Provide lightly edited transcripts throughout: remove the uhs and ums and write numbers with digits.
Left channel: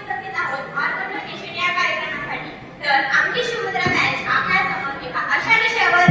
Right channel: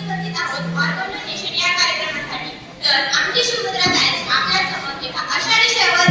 उपस्थित आहोत organ donation या कार्यक्रमासाठी. तर आमची शिवमुद्रा बँच आपल्या समोर एका अशा विषयावर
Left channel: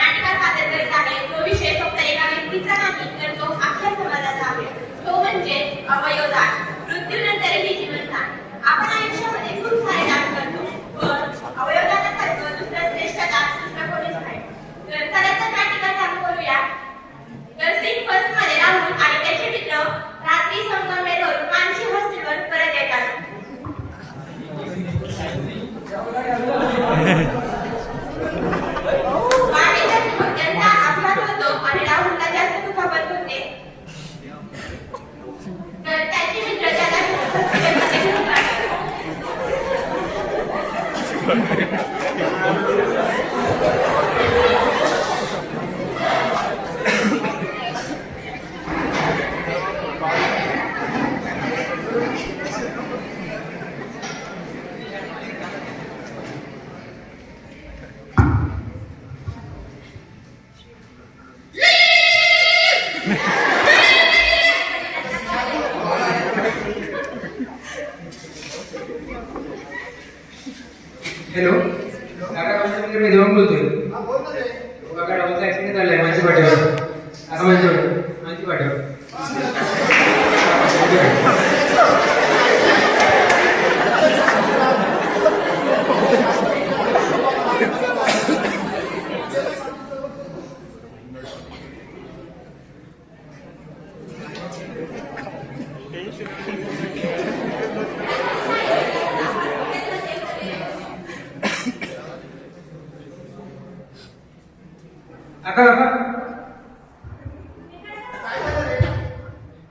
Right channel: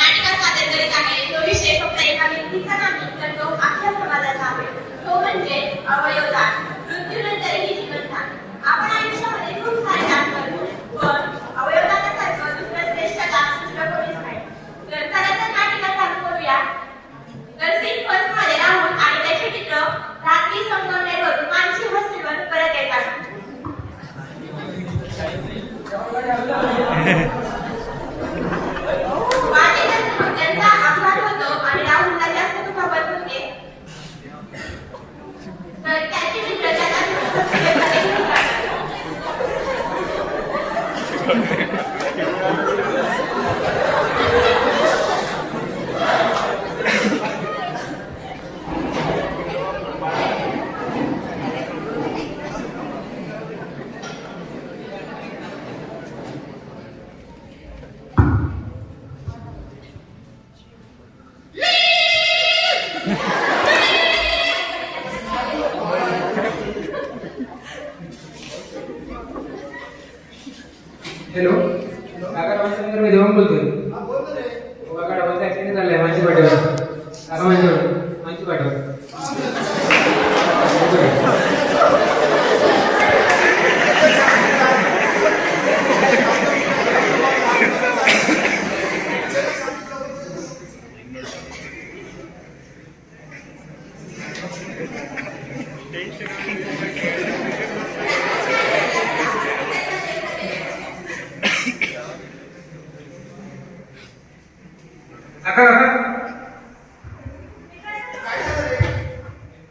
नाटिका सादर करीत आहे. तो विषय फक्त एका व्यक्तीचा नाही, तर तो आपल्या समाजाचा आहे. तो म्हणजे अवयवदान. मृत्यूनंतरही जीवनदान. आपण आयुष्यामध्ये खूप सारे दान करतो, पण अवयवदानासारखं दुसरं श्रेष्ठ दान दुसरं कोणीच नाही. तर चला तर नाटिका चालू करूया. तर सीन फर्स्ट मध्ये राहुल आणि त्याचे मित्र रात्री संगमनेरवरून मानसी हॉस्टेलवर परत येतात. त्यांचा अपघात होतो आणि राहुलला जास्त दुखापत होते. तर त्याचे मित्र त्याला हॅलो काका डॉक्टर मी देवान बोलतोय. काका डॉक्टर ऍक्सिडेंट झालाय माझ्या पाठीवर. काका माझी पाठीवर.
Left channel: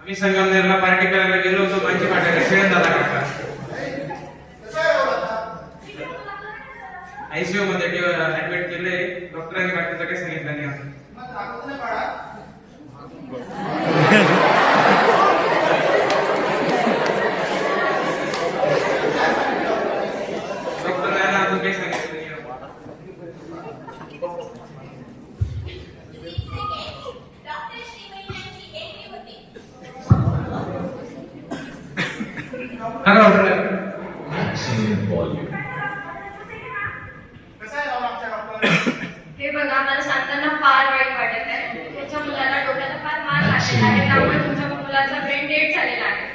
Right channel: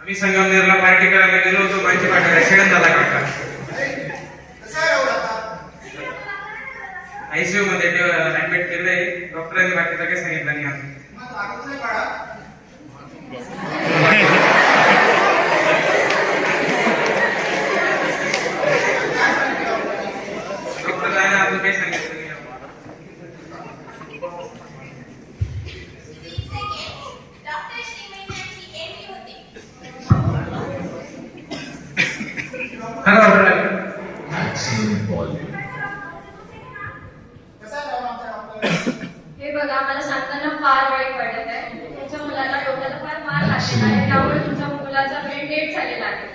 आम्ही संगमनेरला पार्टी करायला गेलो होतो. माझी पाठीवर ऍक्सिडेंट झाला काका. आयसीयू मध्ये ऍडमिट केलंय. डॉक्टरांनी बाकीचं काही सांगितलं नाही. डॉक्टर काय ना अजून काही सांगितलं नाही. हे बघा, मला सांगताना फार वाईट वाटत आहे. त्याच्या मुलाला डोक्याला फार मार लागलेला आहे, त्यामुळे तुमच्या मुलाचा ब्रेन डेड झालेला आहे.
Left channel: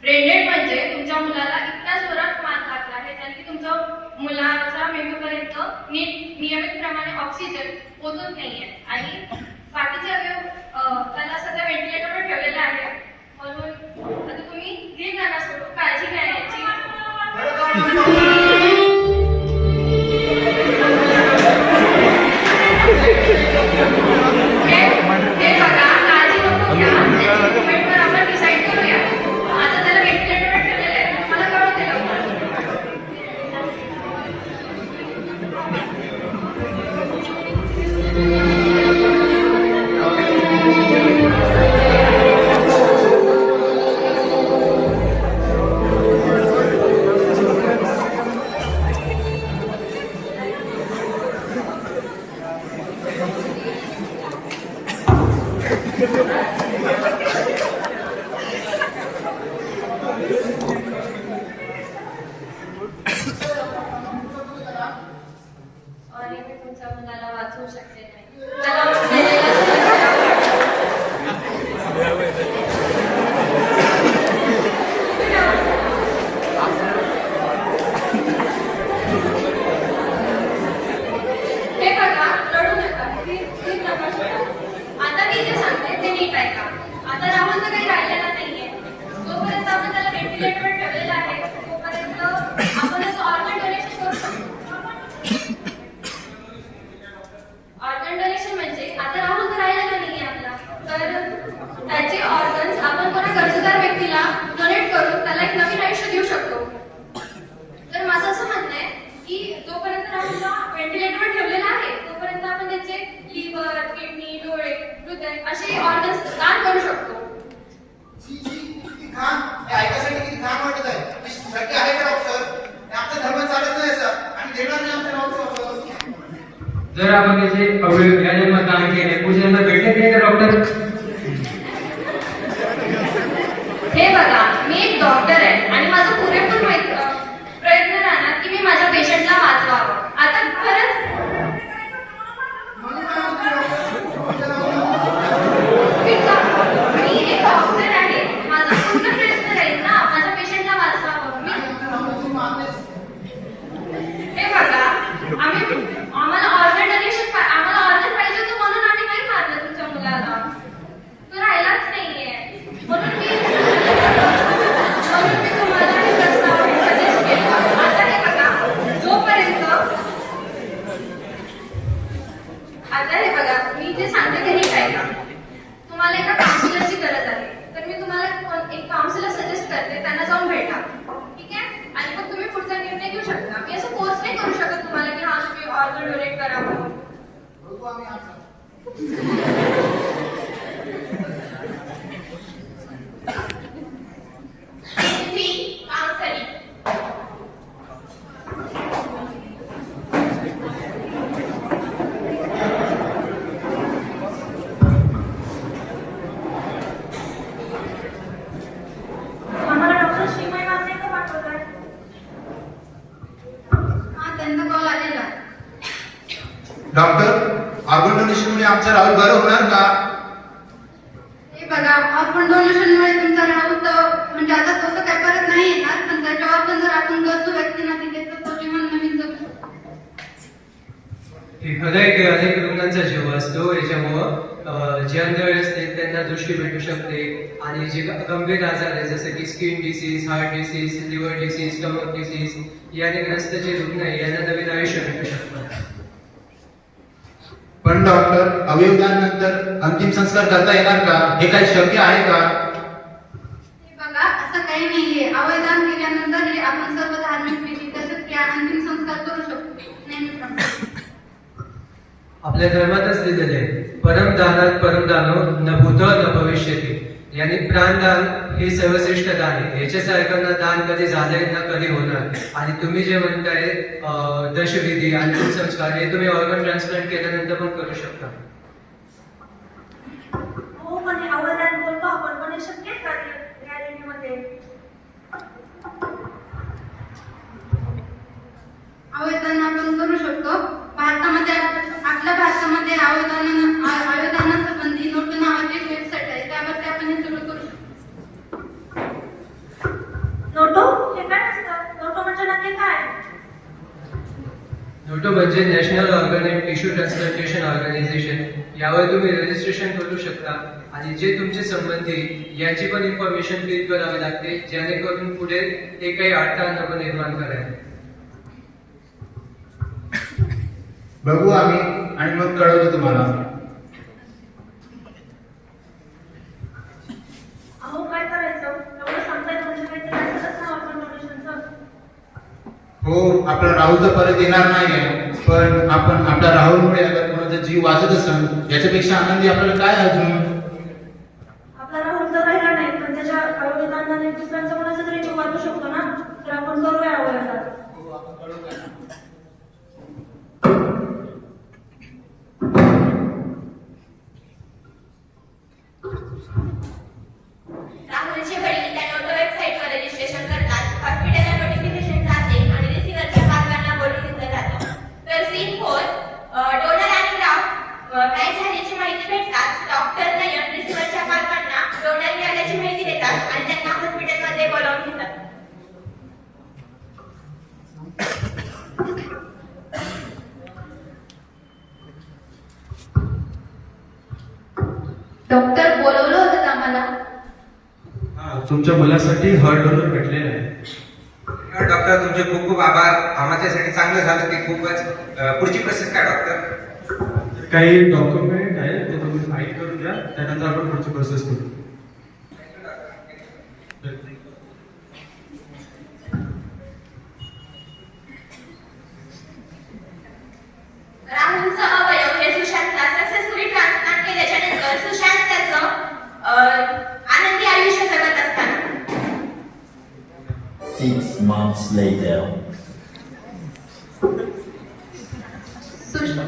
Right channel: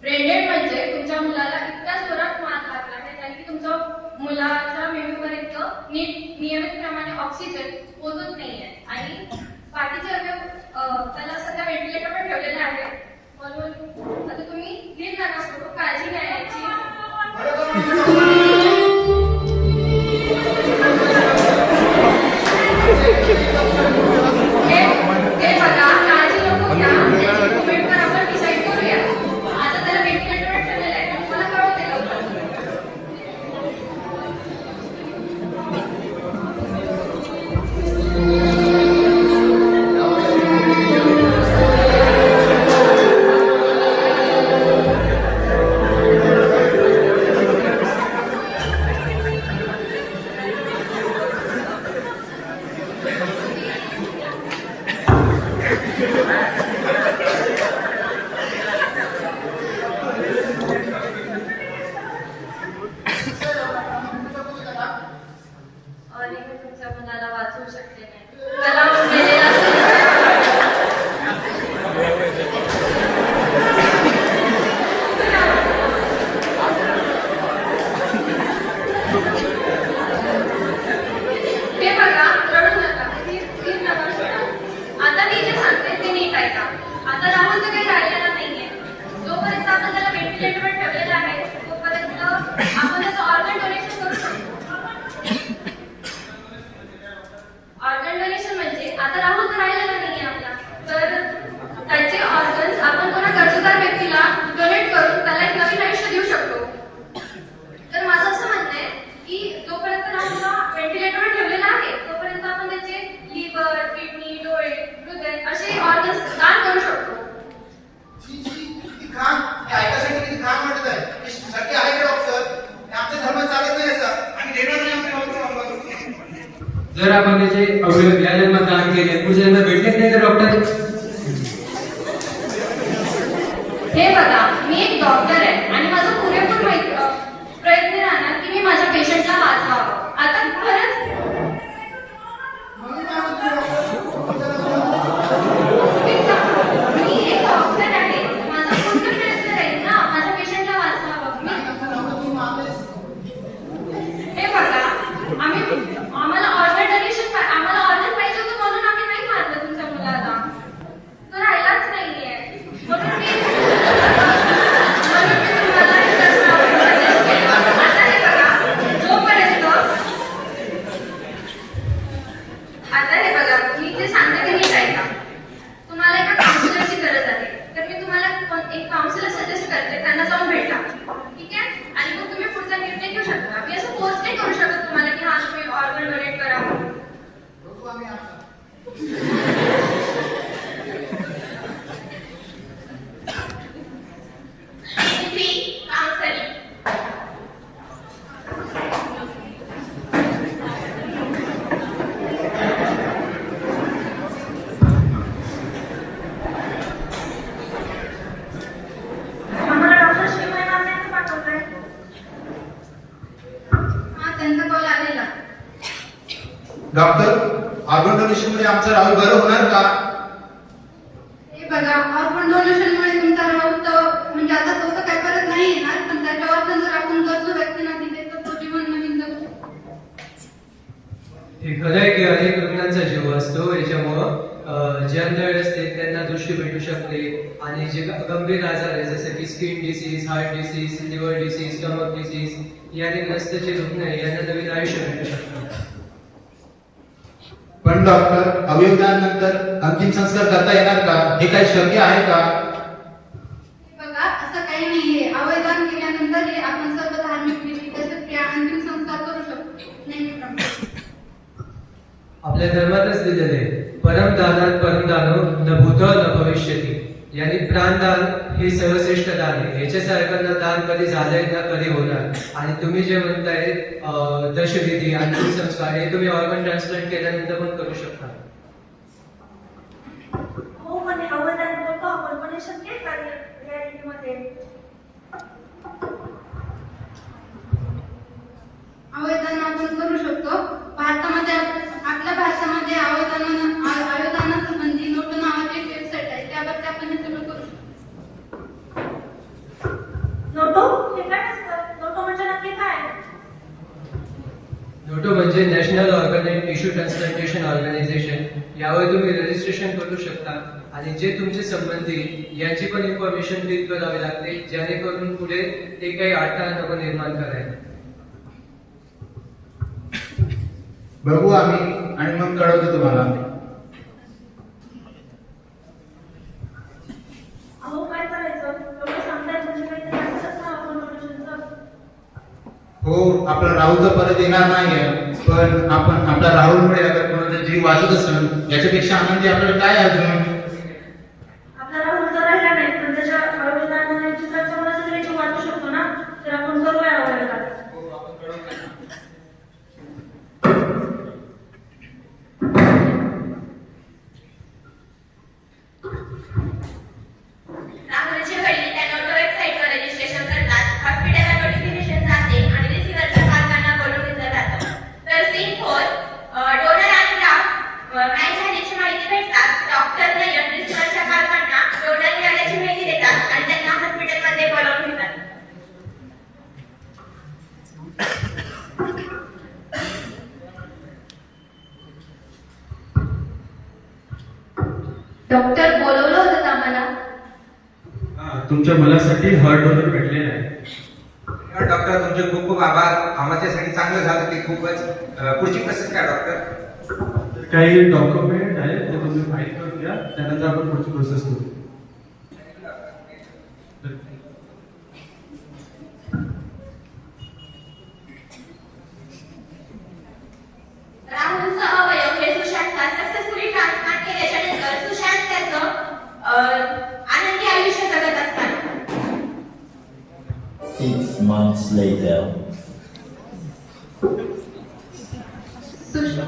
ब्रेन डेड म्हणजे तुमच्या मुलाला इतक्या जोरात मार लागला आहे त्याने की तुमच्या मुलाच्या मेंदूपर्यंत नीट नियमितप्रमाणे ऑक्सिजन पोहोचत नाहीये आणि बाकीचे अवयव त्याला सध्या व्हेंटिलेटरवर ठेवलेला आहे. म्हणून आता तुम्ही नीट जाणार सोडून काळजी घ्या याची. हे बघा, काळजी नको घ्या. त्याची ट्रीटमेंटवर आपण डिसाईड करूया. आता त्याला व्हेंटिलेटरवर ठेवलेलं आहे. मला कळवते आणि मी तुमच्या मुलाला वाचवू शकले नाही. त्याला मेलेला हे बघा, रडू नका. आता मी जे सांगते ते नीट ऐका. आता राहुल तर काही राहिलेला नाहीये. जोपर्यंत आपण त्याला व्हेंटिलेटरवर ठेवलेला आहे तोपर्यंत आपण त्याचं ऑर्गन डोनेशन करू शकतो. ऑर्गन डोनेशन म्हणजे आता राहुल तर राहिलेला नाहीये आपला, तर त्याचे ऑर्गन्स आपण कोणा गरजूदार व्यक्तीला डोनेट करून त्याला एक नवीन आयुष्य देऊ शकतो. तर माझं असं म्हणणं आहे की जोपर्यंत राहुलला व्हेंटिलेटरवर ठेवलेला आहे तोपर्यंत आपण त्याचे लिव्हर, किडनी, डोळे, हृदय असे ऑर्गन्स दान करू शकतो. ऐकासाठी किती छान वाटत आहे. शक्य आहे का डॉक्टर? आमचा धर्म चालत नाही सर. आम्ही देणार नाही आपल्या. जर आपण त्याचे अवयव या जन्मात दान केले पुढच्या जन्मात भेटत नाही का डॉक्टर? हे बघा, मी एक डॉक्टर आहे आणि माझा पुरेपूर प्रयत्न राहणार की मी माझ्या पेशंटला वाचवावं. आता खरंच मी एक डॉक्टर आहे, माझा पूर्ण प्रयत्न राहील ना माझ्या पेशंटला वाचवावं. हे बघा, आम्हाला ऑर्गन डोनेशन आम्हाला ऑर्गन पाहिजे होतं म्हणून आम्ही नाही मारलं तुमच्या मुलाला. तो राहिलाच नाहीये म्हणून मी आता हे बघा, मी जे सांगते ते हे ऐका. तुम्हाला एका काउन्सिलरची गरज आहे, तर मी तुम्हाला एक काउन्सिलर सजेस्ट करते, त्यांना जाऊन भेटा, ठीक आहे? आणि मग तुम्ही पुढचा निर्णय घेऊ शकता. मी असं फोर्स नाही करू शकत तुम्हाला की हा तुम्ही ऑर्गन डोनेट करावं. काउन्सिलिंग. आम्हाला डॉक्टर श्रीमय नाव नाही पाठवताय. हा, त्यांचा कॉल आलेला. डॉक्टर, ऑर्गन डोनेशन मुळे आमचा राहुल बरं होणार का? हे बघा, ऑर्गन डोनेशनमुळे तुमचा राहुल तर म्हणजे आता तसं काय करत नाही येणार, पण त्याच्या ऑर्गन जर आपण गरजू व्यक्तींना दिले तर तो जीवन नवीन जगू शकतो. हे खरं आहे की अनेक रुग्णांचा जीव असतो, याच्यामुळं जे अंधळे असते त्यांना दृष्टी भेटू शकते आणि जे गंभीर आजार आहे जसं की skin disease, heart disease, liver disease, stomach disease याने ग्रस्त जे रुग्ण आहे यांना नवीन आयुष्य भेटू शकतं. पण डॉक्टर, अवयवदानानंतर अंतिम संस्कार करता येणार का? हे काही शक्य आहे का? हे बघा, असं काही नाहीये. अवयदान केल्यानंतर हे आपण सर्व धार्मिक विधी तसेच या अंतिम संस्कार करू शकतो नेहमीप्रमाणे. आपल्या धर्मातच लिहिलेलं आहे, परमदानात परमदानो न भूत न भविष्यती. यानी प्राणदान हे सर्वश्रेष्ठ दान आहे. याच्यासारखं ना दान कधी झालंय ना कधी होणार. आणि तुम्ही जे म्हणताय दशविधी अंतिम संस्कार हे तुम्ही ऑर्गन ट्रान्सप्लांट केल्यानंतर पण करू शकता. हो, पण हे अवयदान करतो आपण, पण हे शक्य आहे का रियालिटीमध्ये? अवयदान आपण करू शकतो. भारतामध्ये आपल्या भारतामध्ये अवयदानासंबंधी नोटो नावाची एक वेबसाईट आहे, त्यावरती आपण हे सगळं करू शकतो. नोटो हे काय असतं? नोटो म्हणजे नक्की काय? नोटो म्हणजे national organ and tissue transplantation organisation. यावर तुम्ही रजिस्ट्रेशन करू शकता आणि जे तुमचे संबंधी याची पण इन्फॉर्मेशन फील करावी लागते, जेणेकरून पुढे ते काही अडथळा नको निर्माण करायला. बघू आम्ही आणि मग कळवतो तुम्हाला. अहो, काय करायचं? एवढं सांगताय म्हणजे काही करायचंच ना आपण डोनेशनचं. हो, आपला राहुल तर परत येणार नाहीये, पण आपण आपल्या राहुलमुळे अगर कोणाचा जीव वाचत असेल याच्यापेक्षा आनंदी आपल्याला काय अजून? आपला राहुल तर राहिला नाही, पण त्याच्या अवयदानाने दुसऱ्याचा कोणाचा तरी जीव वाचू शकतो ना, तर आपण करूया अवयदान. राहुलचे वडील त्या नोटो वेबसाईटवर रजिस्ट्रेशन करतात, हॉस्पिटलला नोटिफिकेशन जाते आणि रिसिव्हरच्या पालकांना बोलून घेतलं जातं. तर सीन 4 डोनर आणि ग्राफ मॅच झाल्याची माहिती भेटतात. डॉक्टर नियम रिसिव्हरच्या पालकांना डोनर मिळाल्याची माहिती देतात आणि त्यांना हॉस्पिटलमध्ये बोलावून घेतात. डॉक्टर बोलवलं होतं आम्हाला. तुमच्या मुलासाठी हार्ट डोनर भेटलेला आहे. डॉक्टर, तुमचे खूप खूप आभार. आम्हाच्यासाठी चांगलं झालं ते खूपच. पुढची प्रोसेस काय डॉक्टर? काही डॉक्युमेंट आहे ते तुम्ही फाईल करून द्या, त्यानंतर आपण पुढची प्रोसेस करू. राहुलचा अवयव हे सुशांतला सक्सेसफुली ट्रान्सप्लांट केल्याच्या नंतर सुशांत त्याचं आनंदी आयुष्य जगत असताना 6 months later.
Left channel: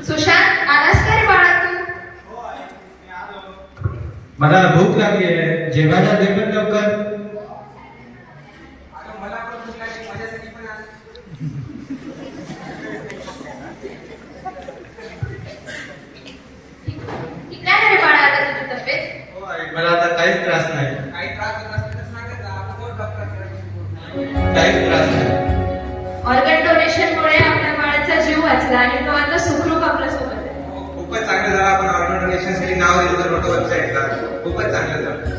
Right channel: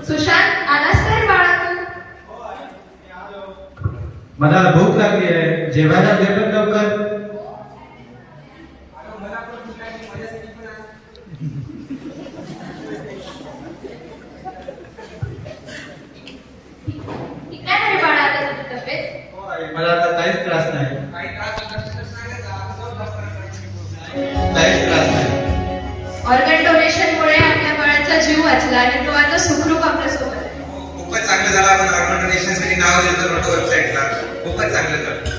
सुशांत, आलास का रे बाळा तू? मला भूक लागली आहे, जेवायला दे पण लवकर. हो डोनेशनमुळे आपल्या बाळाचा जीव वाचला आणि तो आता सुखरूप आपल्या सोबत आहे. खूपच चांगलं झालं. आपण ऑर्गन डोनेशनसाठी नाव दिलं तर मोठं वेबसाईटला. खूपच चांगलं झालं.